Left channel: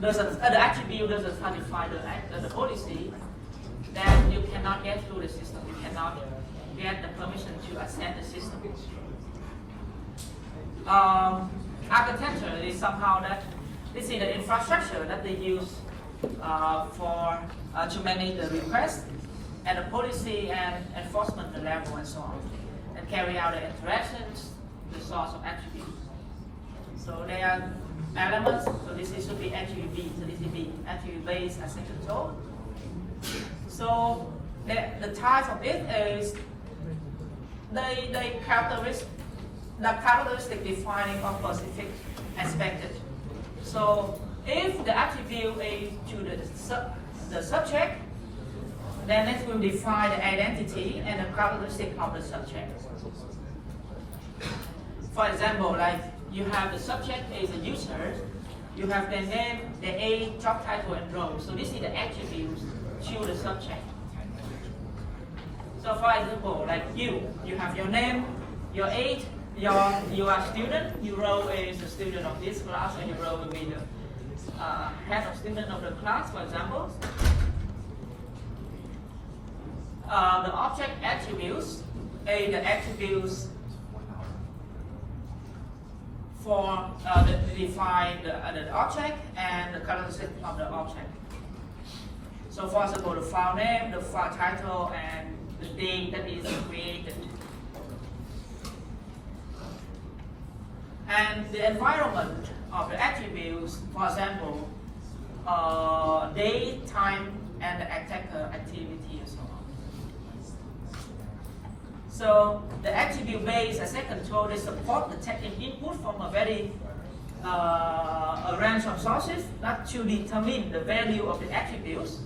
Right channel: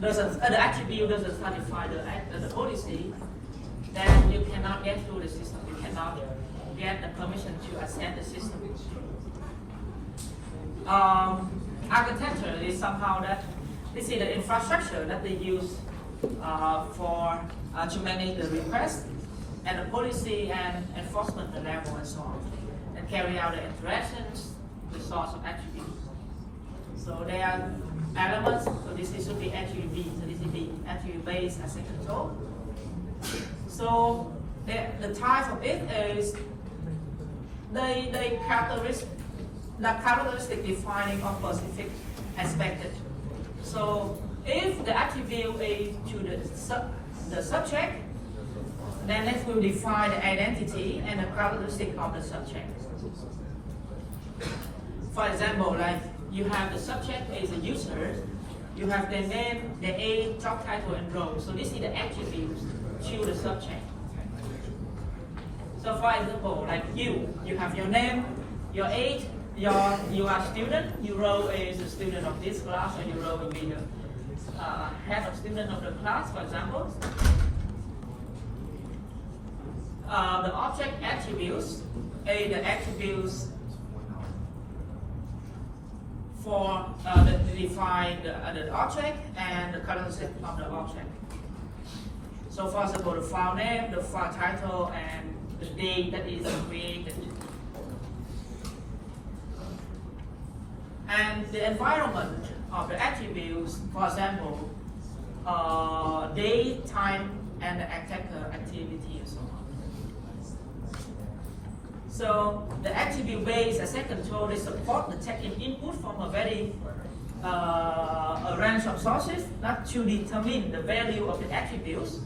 the attribute doesn't satisfy the policy, then you cannot get through the system. You cannot get the permission to access the system. Architecture is somehow that this is the infrastructure that they use to manage the request and the policy and enforcement the level and so on, and carry out the interactions, the source of attributes. So there are elements. So this should be attribute B. So this is the attribute-based access control. So the type of it is the characteristic defining of specific expected. So if the attribute is to the subject, then it will define the identity and the characteristic of the subject. For example, like you have the subject is a user, you have the name, the age, job title, and role. So this is the attributes to the subject. So for example, like you have your name, your age, you are a student, your role is a student of this class, and your role will be the head of student of the class, for example. The object attributes, the attributes for define the object and the characteristic of the object. So for example, the file name, the file title, and the date that is created. And the environment of the attributes, for example, date, time, and the attacker activity and so on. So the attribute-based access control, they support the taking input from a very a range of sources, not to determine the value of the attributes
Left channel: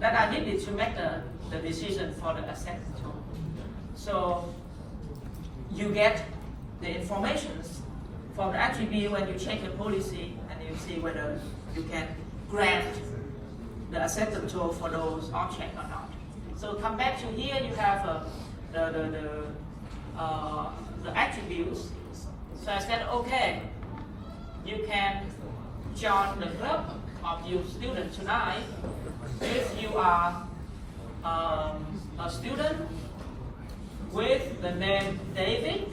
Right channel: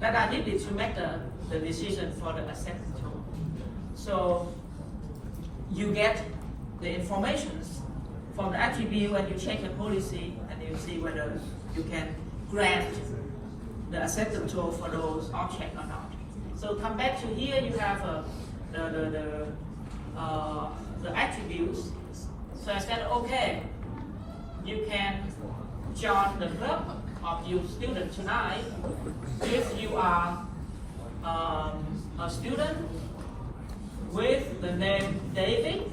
that are needed to make the decision for the access control. So you get the information from the attribute when you check the policy, and you see whether you can grant the access control for those objects or not. So come back to here, you have the attributes. So I said, okay, you can join the club of your student tonight if you are a student with the name David,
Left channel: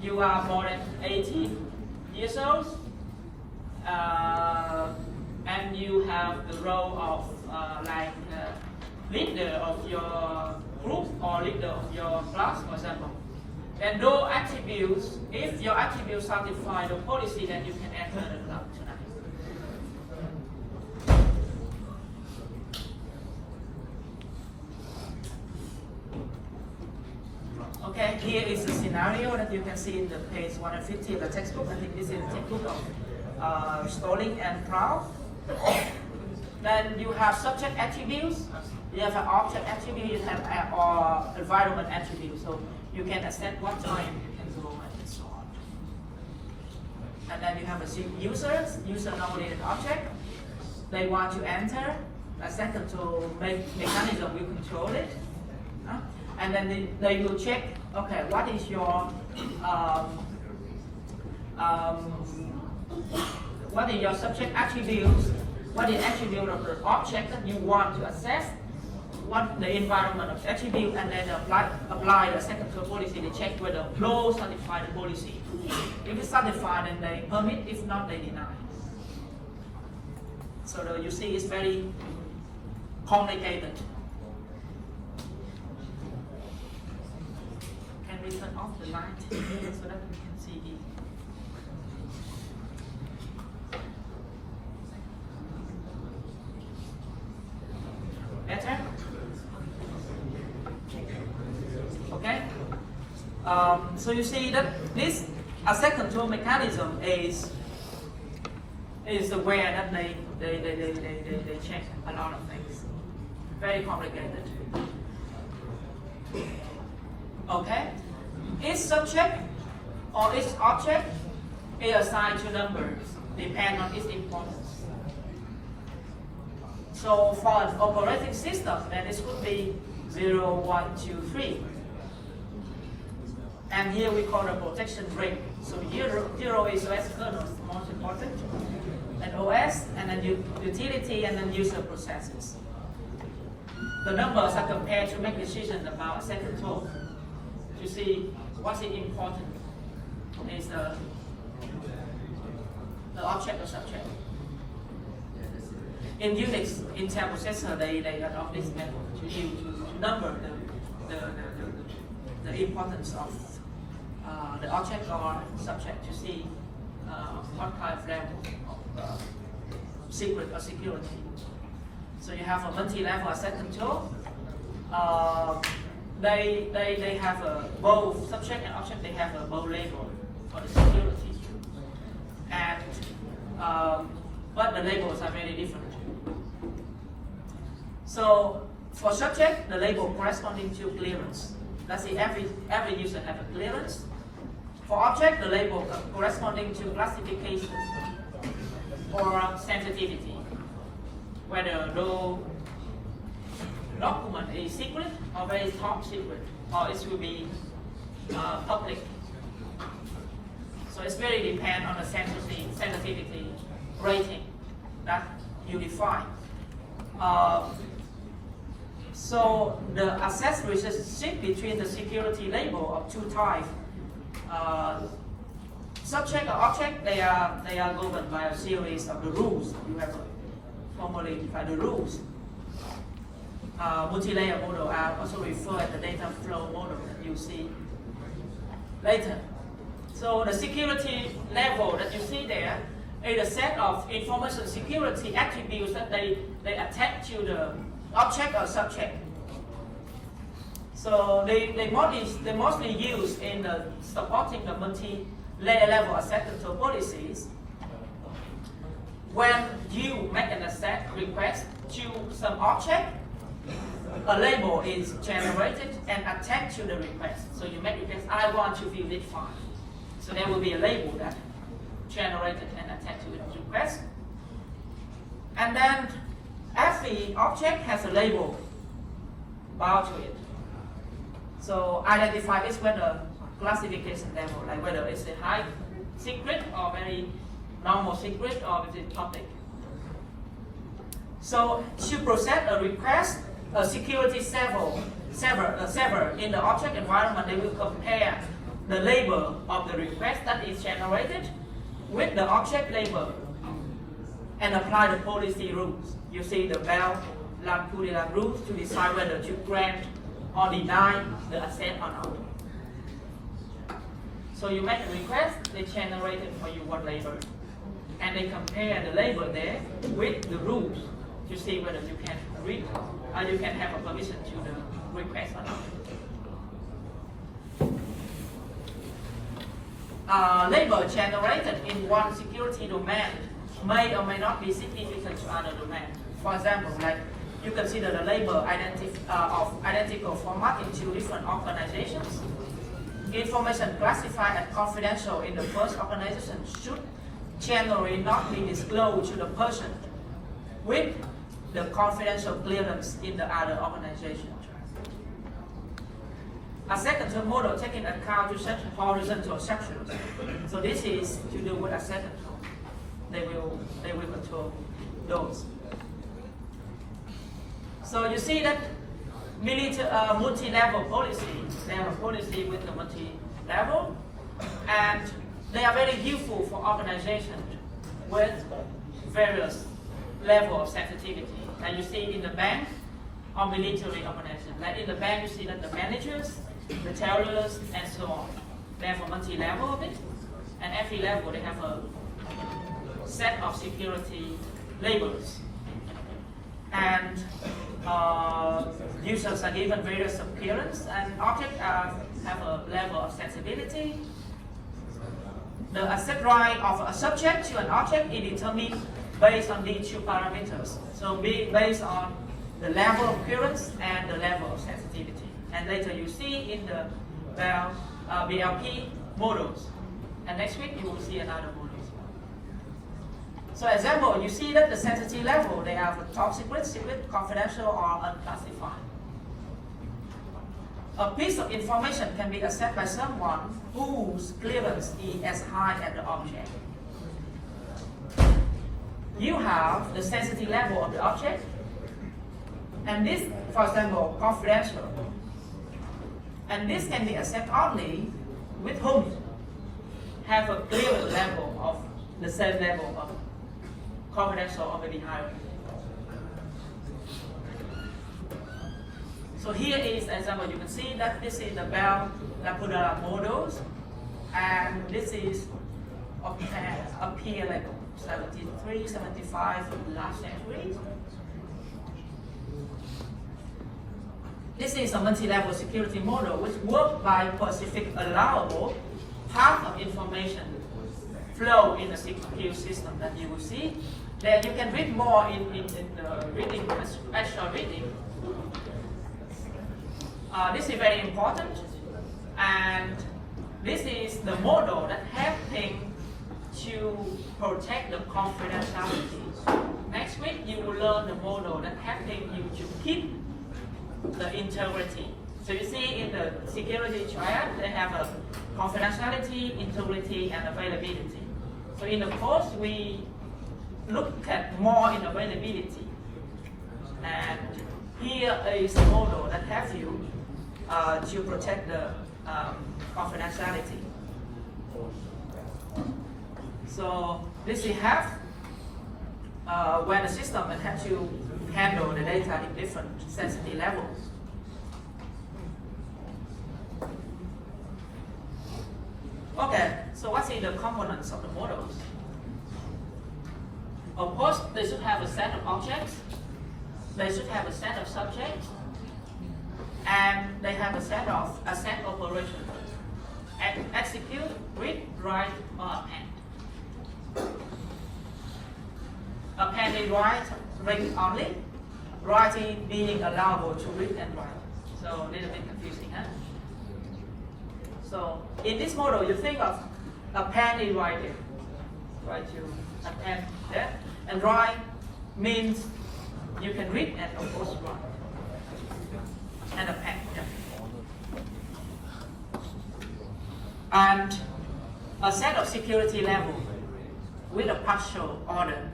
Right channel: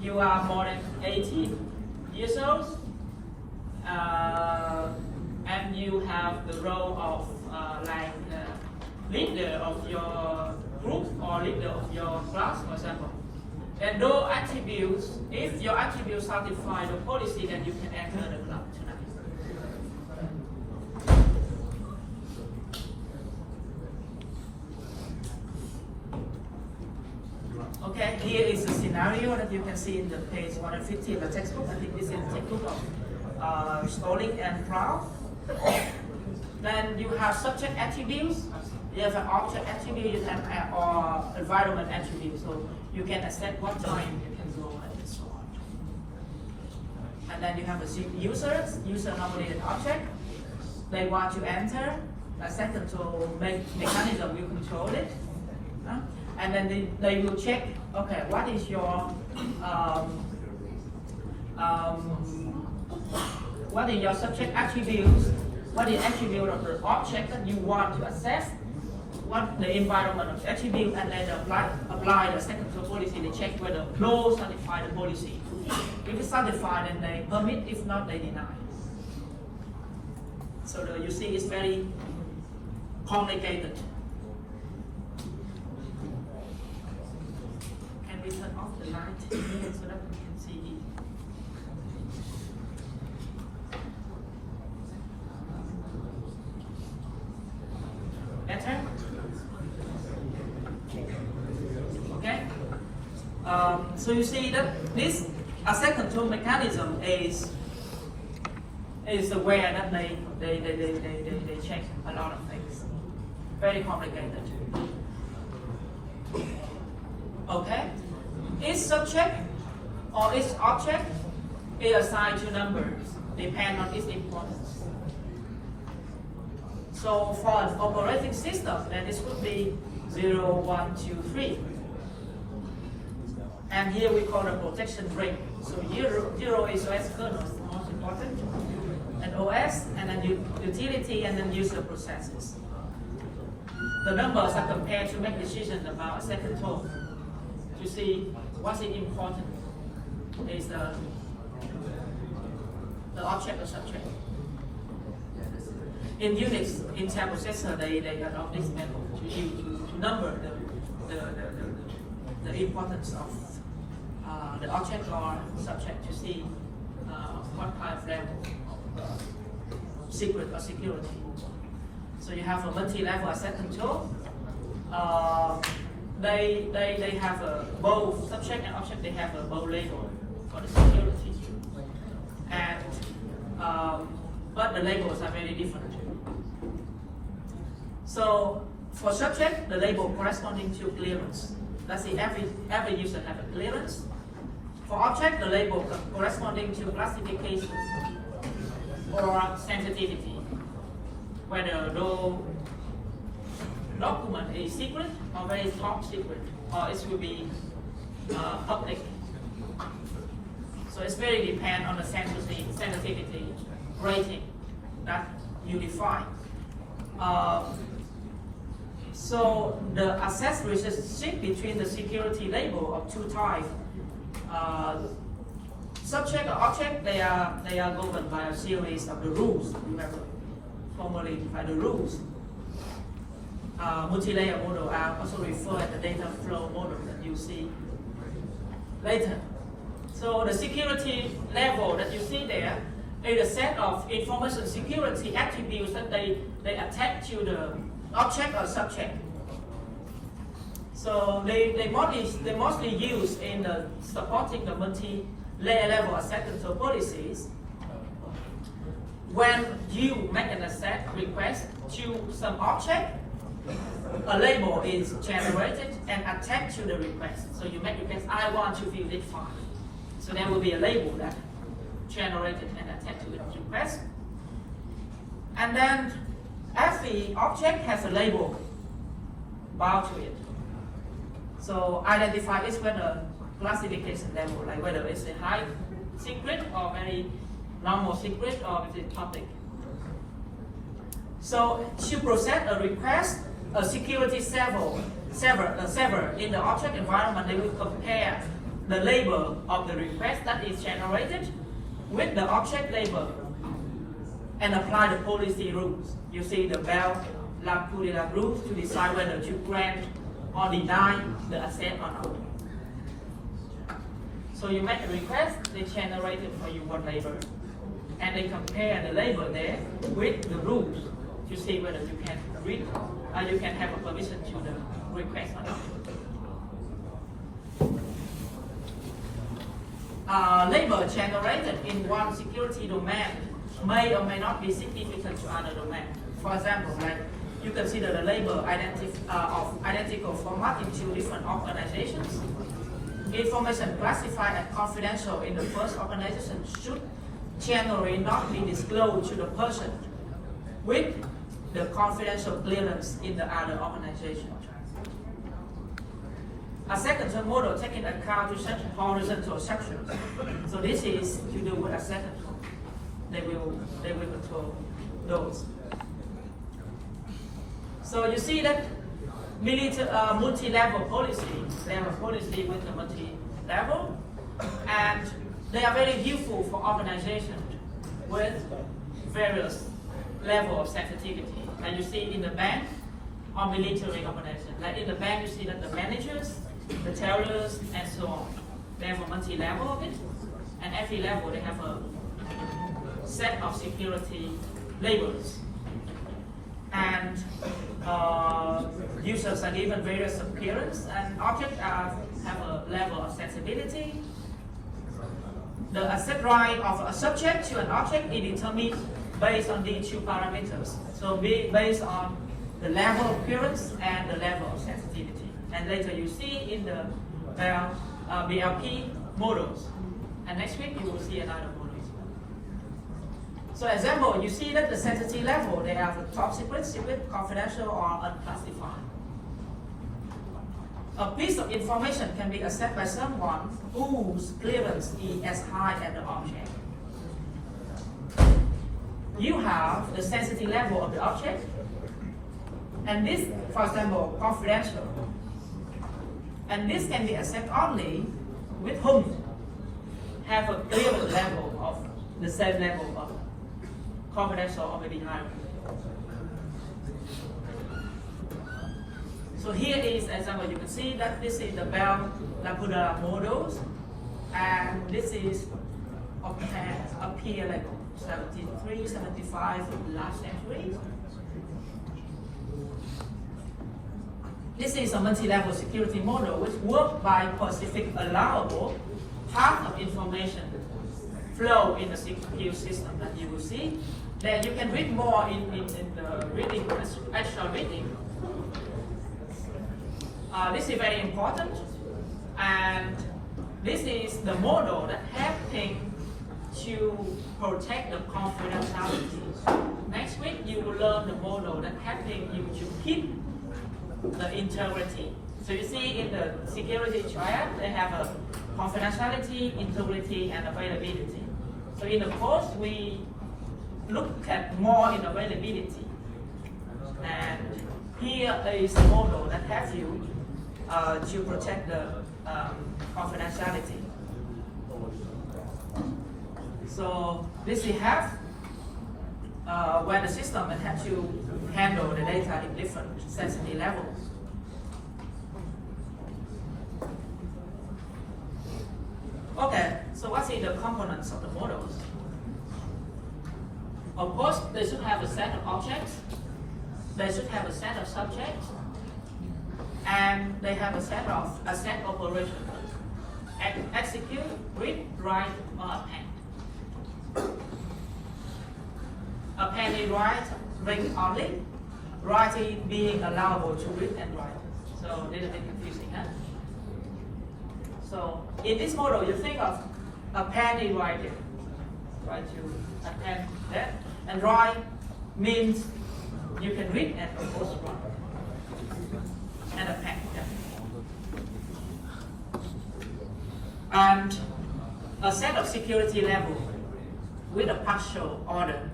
you are more than 18 years old, and you have the role of leader of your group or leader of your class, for example. And those attributes, if your attributes satisfy the policy, then you can enter the club tonight. Okay, here is the scenario that you can see in the page 150 of the textbook. I think this is the textbook of Stalling and Proud. Then you have subject attributes, you have an object attribute, you have or environment attribute. So you can accept what time you can go and so on. And then you have a user normally an object. They want to enter, a access control mechanism will control it. And then they will check, okay, what is your subject attributes, what is the attribute of the object that you want to access, what the environment of the attribute, and then apply the access control policy to check whether flow satisfy the policy. If it's satisfied, then they permit, if not, they deny. So you see it's very complicated. We turn off the light so that we can see it. Better? Okay? So you see that this access control mechanism is aware that they check a lot of things. Very complicated. Okay? Each subject or each object is assigned to numbers, depend on its importance. So for an operating system, then this could be 0, 1, 2, 3. And here we call the protection ring. So 0 is OS kernel, most important. and OS, and then utility, and then user processes. The numbers are compared to make decisions about asset control. To see what's important is the object or subject. In Unix, Intel processor, they adopt this method to number the importance of the object or subject to see what kind of level of secret or security. So you have a multi-level asset control. They have both subject and object. They have a both label for the security, and but the labels are very different. So for subject, the label corresponding to clearance. Let's say every user have a clearance. For object, the label corresponding to classification or sensitivity, whether the document is secret or very top secret, or it will be public. So it's very depend on the sensitivity rating that you define. So the access relationship between the security label of two types, subject or object, they are governed by a series of the rules. You have formally defined the rules. Multi-layer model are also referred to the data flow model that you see later. So the security level that you see there is a set of information security attributes that they attach to the object or subject. So they mostly used in the supporting the multi-layer level asset control policies. When you make an asset request to some object, a label is generated and attached to the request. So you make request, I want to view this file. So there will be a label that generated and attached to the request. And then every object has a label bound to it. So identify this with a classification level, like whether it's a high secret or very normal secret or is it public. So to process a request, a security server in the object environment, they will compare the label of the request that is generated with the object label and apply the policy rules. You see the Bell-LaPadula rules to decide whether to grant or deny the asset or not. So you make a request, they generate it for you one label, and they compare the label there with the rules to see whether you can read or you can have a permission to the request or not. Label generated in one security domain may or may not be significant to other domains. For example, like you consider the label of identical format in two different organizations. Information classified as confidential in the first organization should generally not be disclosed to the person with the confidential clearance in the other organization. A second term model taking account to such horizontal sections. So this is to do with a second term. They will control those. So you see that multi-level policy, they have a policy with the multi-level, and they are very useful for organizations with various levels of sensitivity. And you see in the bank or military organization. Like in the bank, you see that the managers, the tellers, and so on. They have a multi-level of it, and every level they have a set of security labels. And users are given various appearance, and objects have a level of sensibility. The asset right of a subject to an object is determined based on these two parameters. So based on the level of appearance and the level of sensitivity. And later you see in the BLP models. And next week you will see another model. So example, you see that the sensitivity level, they have a top secret, confidential, or unclassified. A piece of information can be accessed by someone whose clearance is as high as the object. you have the sensitivity level of the object, and this, for example, confidential. And this can be accessed only with whom have a clear level of the same level of confidential or maybe higher. So here is an example. You can see that this is the Bell-LaPadula models, and this is a peer level, 73, 75 in the last century. This is a multi-level security model which works by specific allowable path of information flow in the CPU system that you will see. Then you can read more in the reading, extra reading. This is very important, and this is the model that helping to protect the confidentiality. Next week you will learn the model that helping you to keep the integrity. So you see in the security triad, they have a confidentiality, integrity, and availability. So in the course, we look at more in availability. And here is the model that helps you to protect the confidentiality. So this we have where the system can have to handle the data in different sensitivity levels. Okay, so what's in the components of the models? Of course, they should have a set of objects, they should have a set of subjects, and they have a set operations. Execute, read, write, or append. Appending write, read only, writing being allowable to read and write. So a little bit confusing, huh? So in this model, you think of appending writing. Try to append that. And write means you can read and of course write. And append, yeah. And a set of security level with a partial order.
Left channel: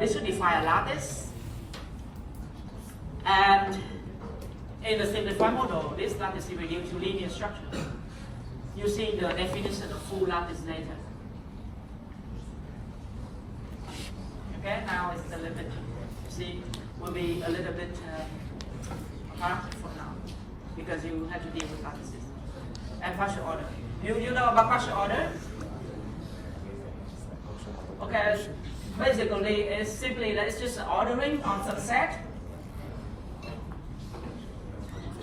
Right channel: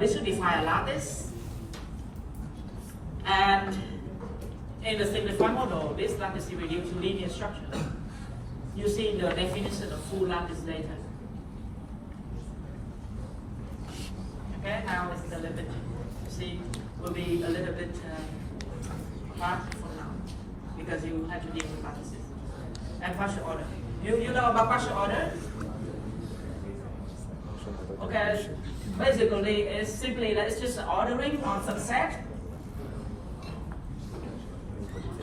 This should define a lattice. And in the simplified model, this lattice is reduced to linear structure. You see the definition of full lattice later. Okay, now it's a little bit, you see, will be a little bit hard for now because you have to deal with lattices. And partial order. You know about partial order? Okay, basically it's simply that it's just ordering on some set.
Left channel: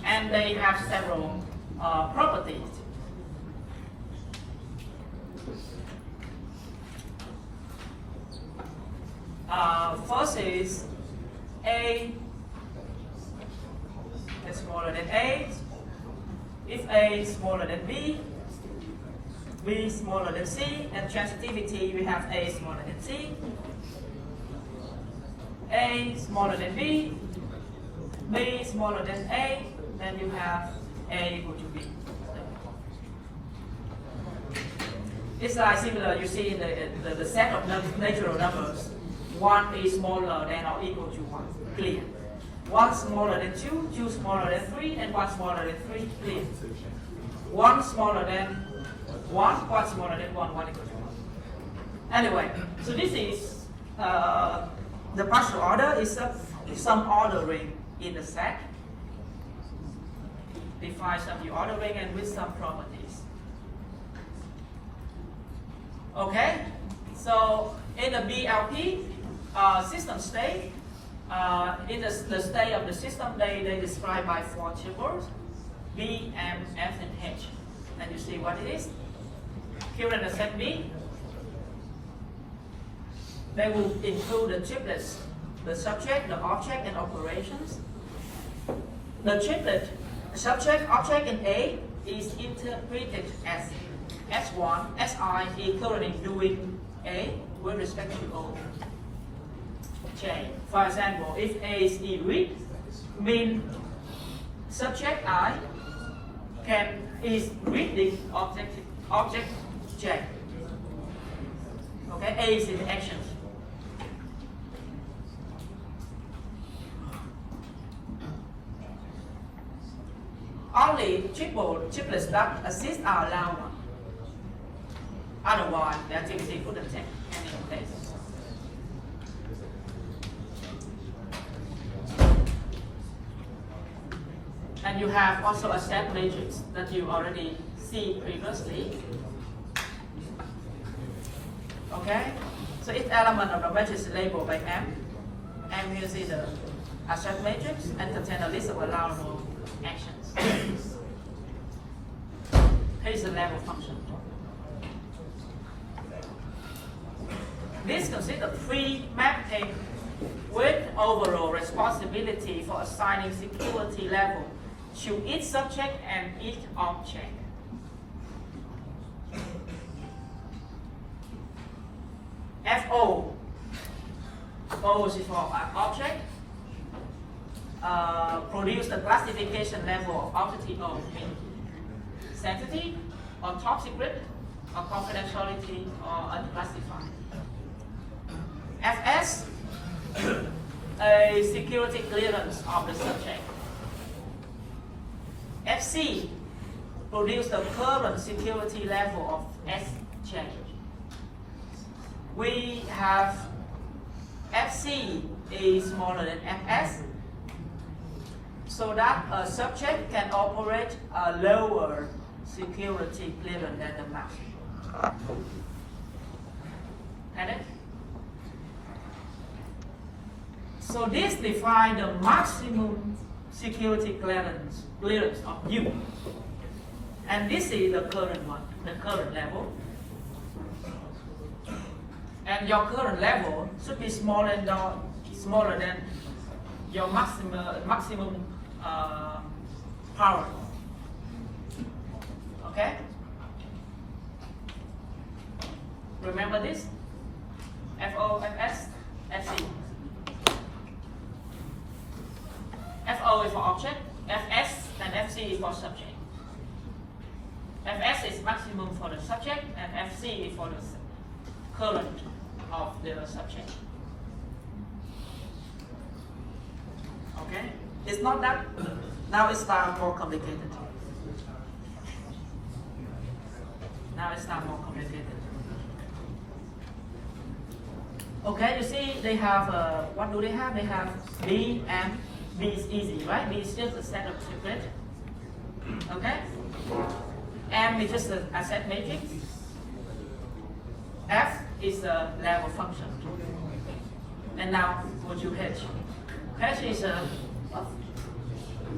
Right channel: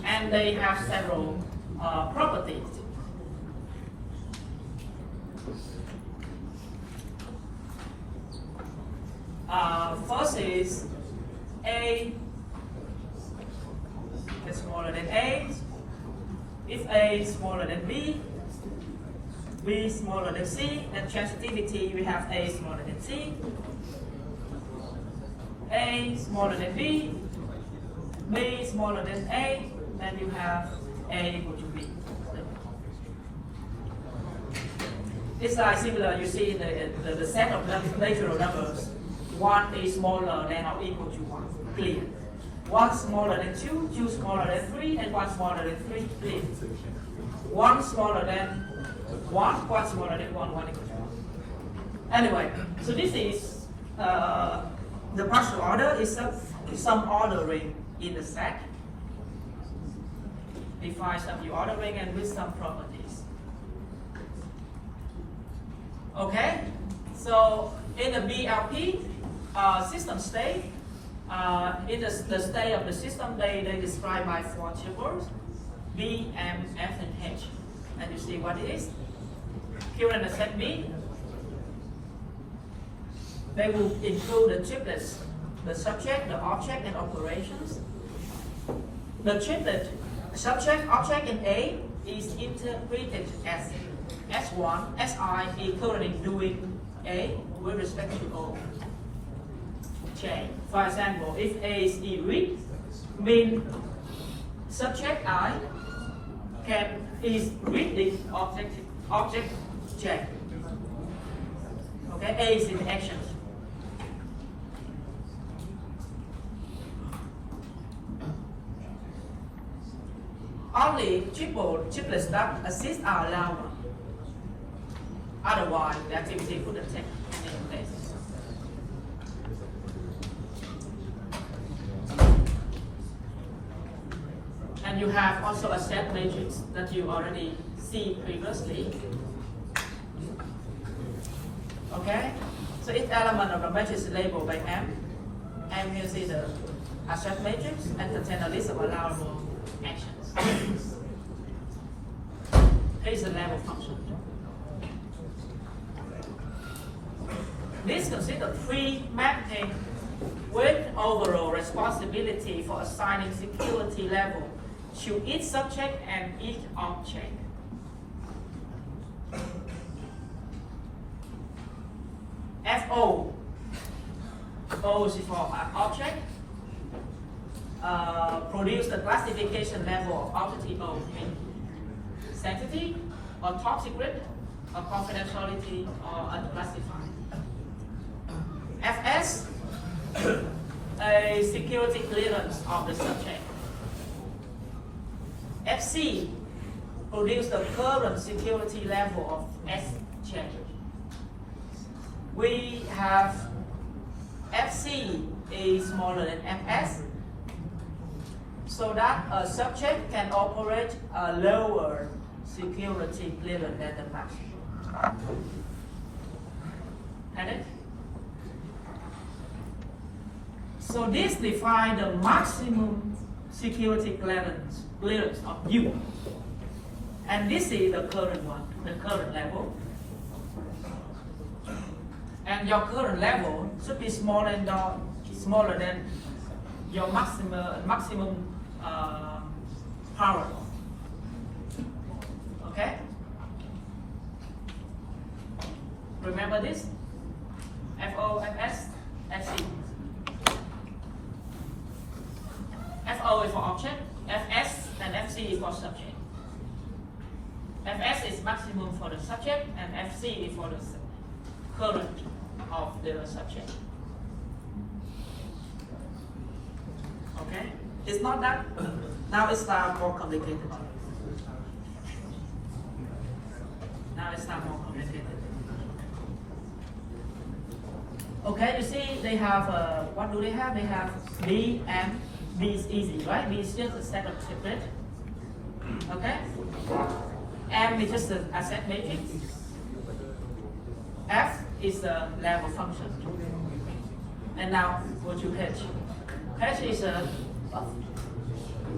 And they have several properties. First is A is smaller than A. If A is smaller than B, B smaller than C, and transitivity we have A smaller than C. A smaller than B, B smaller than A, then you have A equal to B. It's like similar, you see the set of natural numbers. 1 is smaller than or equal to 1, clear. 1 smaller than 2, 2 smaller than 3, and 1 smaller than 3, clear. 1 smaller than 1, 1 smaller than 1, 1 equal to 1. Anyway, so this is the partial order is some ordering in the set. Define some new ordering and with some properties. Okay, so in the BLP system state, in the state of the system, they describe by 4 tuples, B, M, F, and H. And you see what it is. Here in the set B, they will include the triplets, the subject, the object, and operations. The triplet subject object in A is interpreted as S1, SI is currently doing A with respect to O. J. For example, if A is read, means subject I is reading object J. Okay. Okay, A is interactions. Only triplets that assist are allowed. Otherwise, the activity couldn't take any place. And you have also a set matrix that you already see previously. Okay? So each element of the matrix is labeled by M. M here is the abstract matrix and contain a list of allowable actions. Here is the level function. This consists of three mapping with overall responsibility for assigning security level to each subject and each object. FO. O is for an object. Produce the classification level of object of sanctity or top secret or confidentiality or unclassified. FS, a security clearance of the subject. FC, produce the current security level of SJ. We have FC is smaller than FS, so that a subject can operate a lower security clearance than the max. Got it? So this defines the maximum security clearance of you. And this is the current one, the current level. And your current level should be smaller than your maximum power. Okay? Remember this? FO, FS, FC. FO is for object, FS and FC is for subject. FS is maximum for the subject and FC is for the current of the subject. Okay? It's not that, now it's not more complicated. Now it's not more complicated. Okay, you see they have, what do they have? They have B and B is easy, right? B is just a set of triplet. Okay? M is just a set matrix. F is a level function. And now go to H. H is a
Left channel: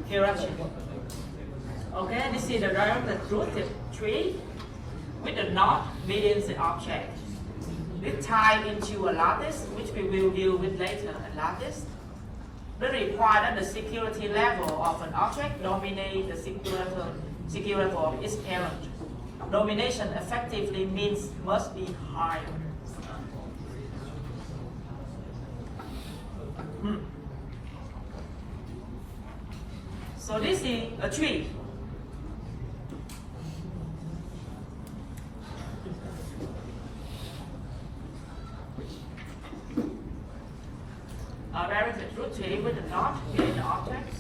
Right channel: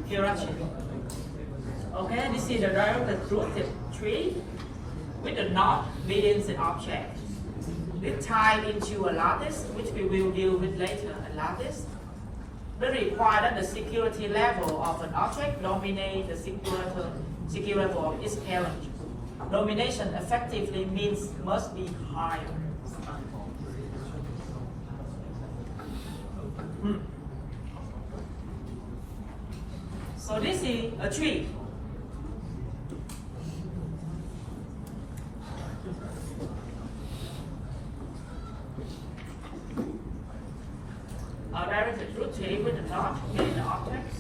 hierarchy. Okay, this is the directed rooted tree with the knot within the object. We tie into a lattice, which we will deal with later, a lattice. We require that the security level of an object dominate the security level of its parent. Domination effectively means must be high. So this is a tree. A very good tree with a knot in the objects.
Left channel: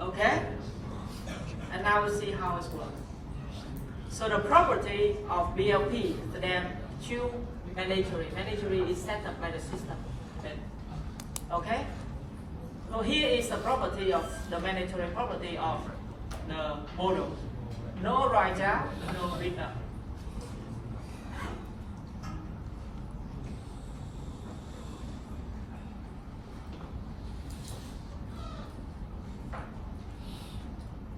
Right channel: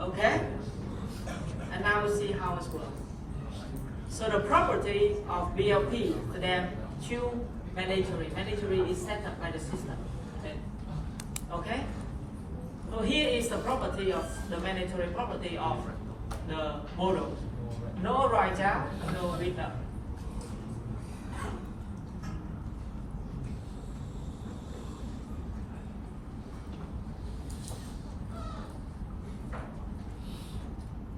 Okay? And now we see how it works. So the property of BLP, then two mandatory. Mandatory is set up by the system. Okay? So here is the property of the mandatory property of the model. No write down, no read up.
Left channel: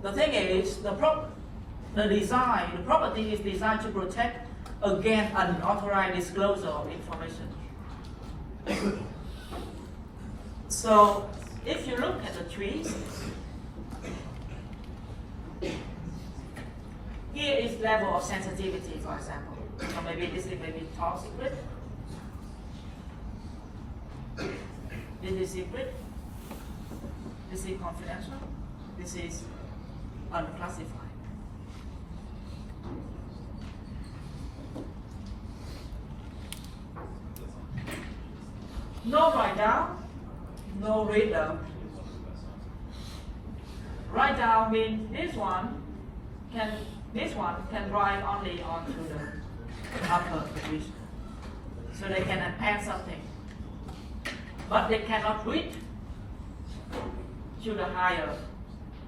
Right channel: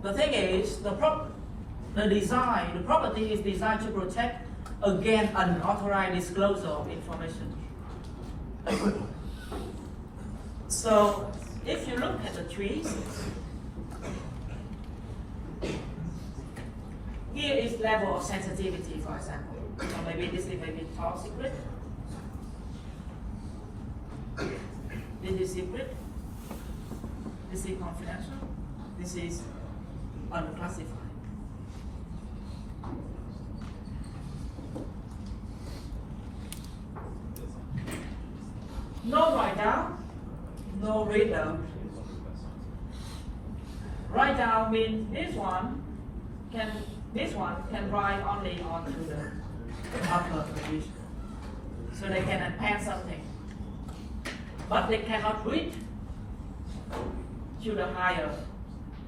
The thing is, the property is designed to protect against unauthorized disclosure of information. So if you look at the trees, here is level of sensitivity, for example. So maybe this is maybe top secret. This is secret. This is confidential. This is unclassified. No write down, no read down. Write down means this one can write only onto the upper position. So they can append something. But they cannot read to the higher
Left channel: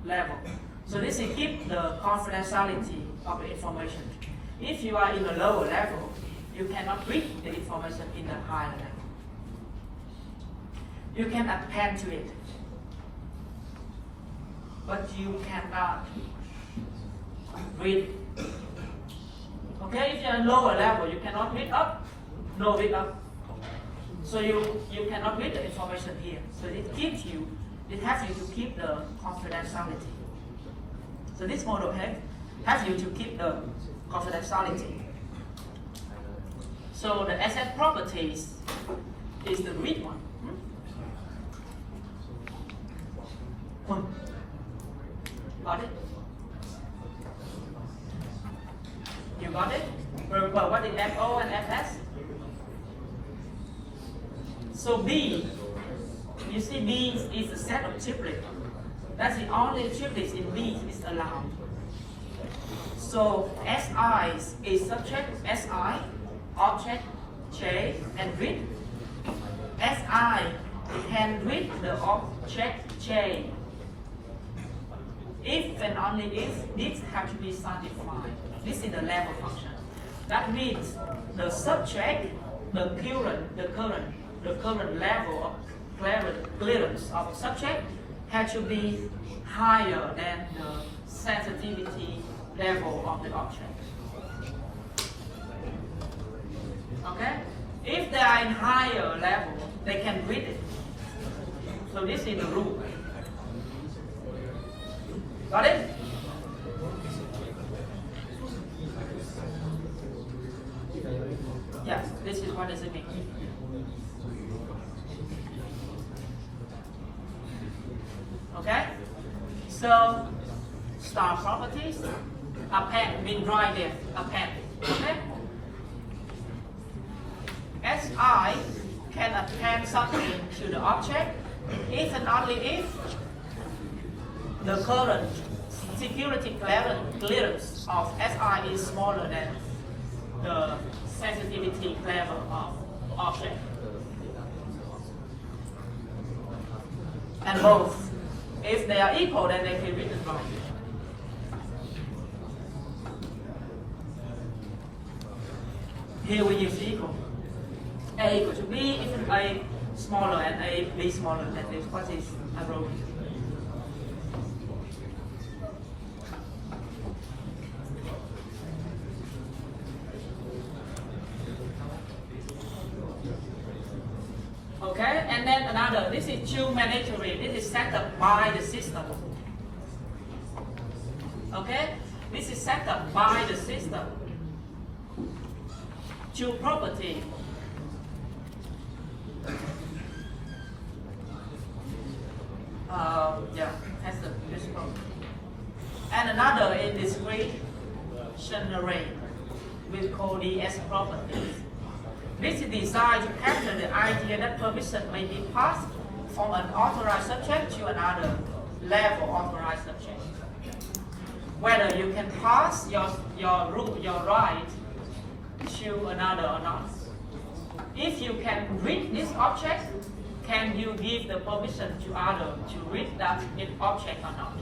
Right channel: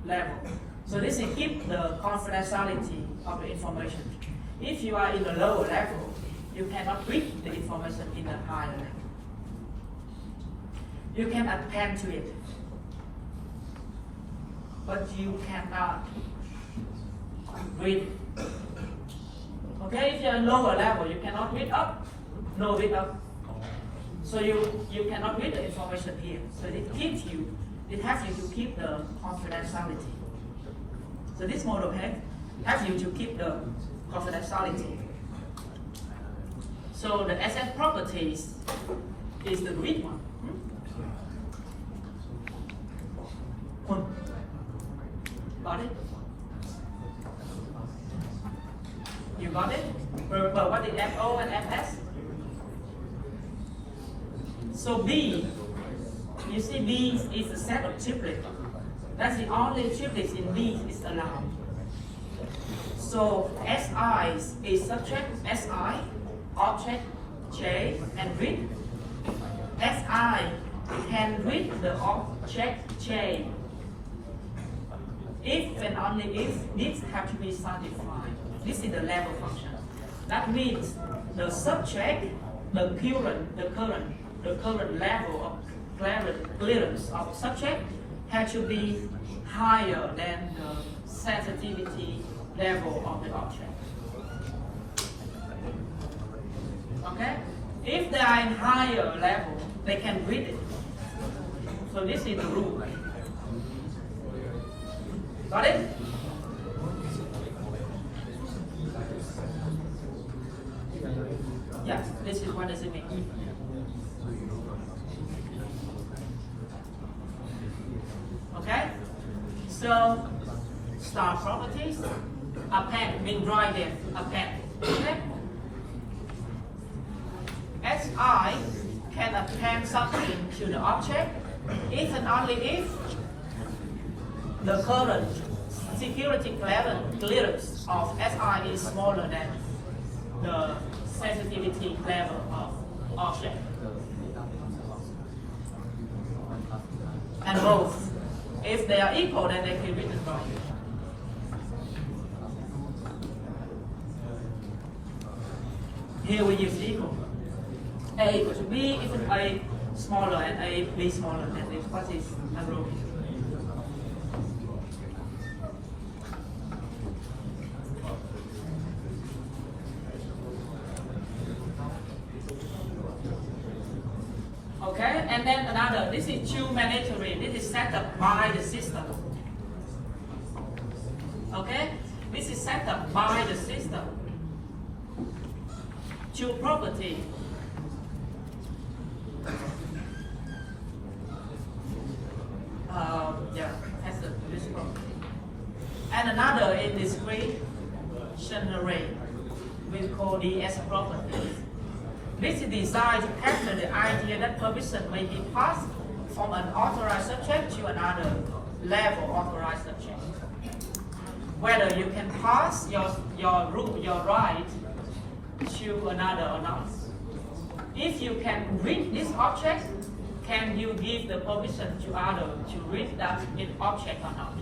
level. So this is keep the confidentiality of the information. If you are in the lower level, you cannot read the information in the higher level. You can append to it, but you cannot read it. Okay, if you're in lower level, you cannot read up, no read up. So you cannot read the information here. So it has you to keep the confidentiality. So this model has you to keep the confidentiality. So the asset properties is the read one. Got it? You got it? But what is FO and FS? So B, you see B is a set of triplets. That's the only triplets in B is allowed. So SI is subject, SI, object, J, and read. SI can read the object J. If and only if this has to be satisfied. This is the level function. That means the subject, the current level of clearance of subject has to be higher than the sensitivity level of the object. Okay? If they are in higher level, they can read it. So this is the rule. Got it? Yeah, this is what does it mean. Okay? So, star properties, append, mean drawing them, append. Okay? SI can append something to the object if and only if the current security clearance of SI is smaller than the sensitivity level of object. And both. If they are equal, then they can be written wrong. Here we use equal. A equal to B, if A smaller and A, B smaller than this, what is aerobic? Okay, and then another, this is true mandatory, this is set up by the system. Okay, this is set up by the system. True property. Yeah, that's the principle. And another is discretionary. We call the S property. This is designed to capture the idea that permission may be passed from an authorized subject to another level authorized subject. Whether you can pass your right to another or not. If you can read this object, can you give the permission to other to read that object or not?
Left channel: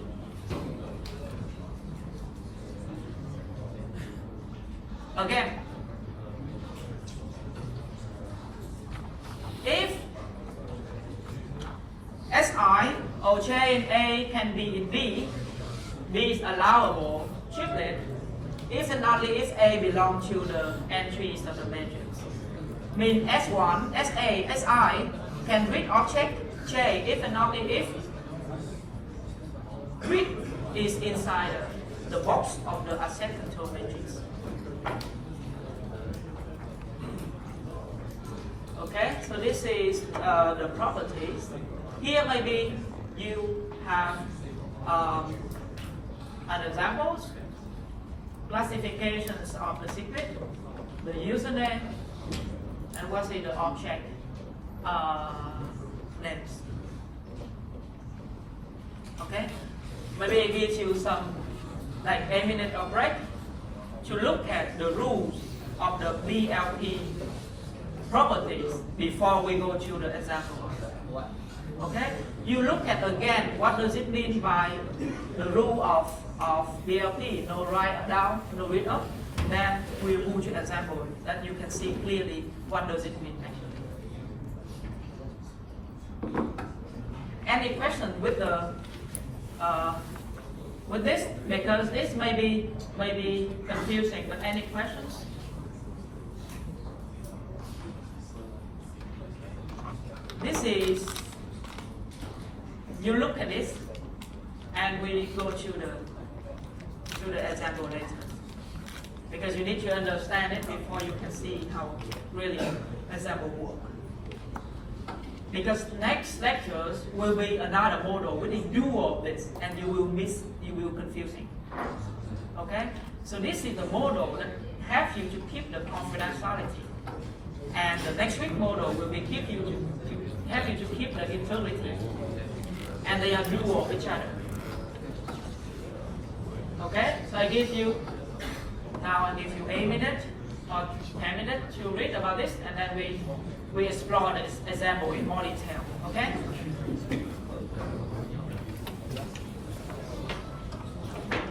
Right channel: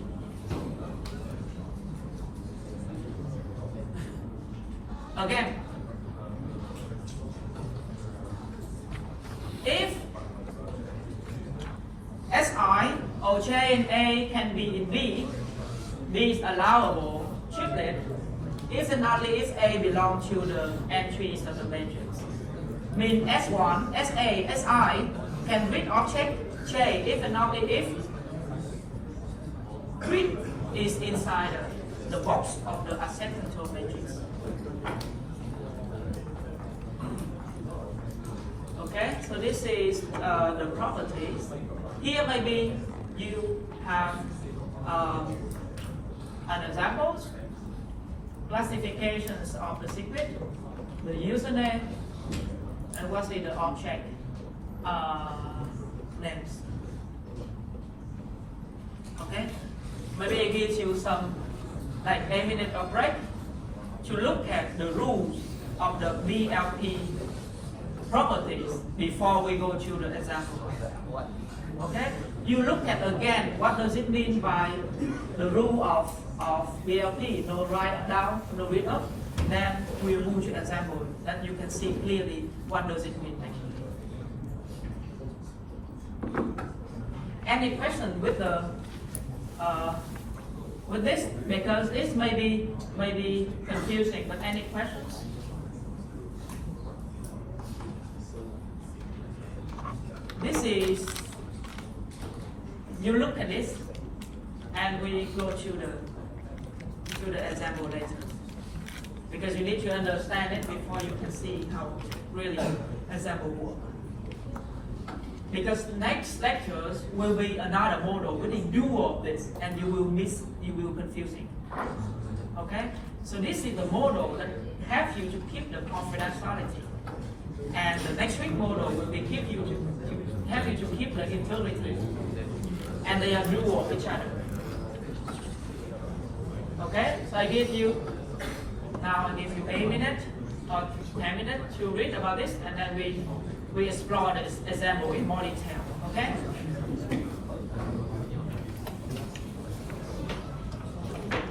Again, if SI or J and A can be in B, B is allowable triplet, if and only if A belongs to the entries of the matrix. Mean S1, SA, SI can read object J, if and only if grid is inside the box of the asset control matrix. Okay, so this is the properties. Here maybe you have an examples, classifications of the secret, the username, and what's in the object names. Okay, maybe I give you some like a minute of break to look at the rules of the BLP properties before we go to the example. Okay, you look at again what does it mean by the rule of BLP, no write down, no read up. Then we move to example that you can see clearly what does it mean actually. Any question with the with this, because this may be confusing, but any questions? This is, you look at this and we go to the example later, because you need to understand it before you can see how really example work. Because next lectures will be another model with a dual of this, and you will confusing. Okay? So this is the model that helps you to keep the confidentiality. And the next week model will be help you to keep the integrity. And they are dual of each other. Okay? So I give you a minute or 10 minutes to read about this, and then we explore this example in more detail. Okay?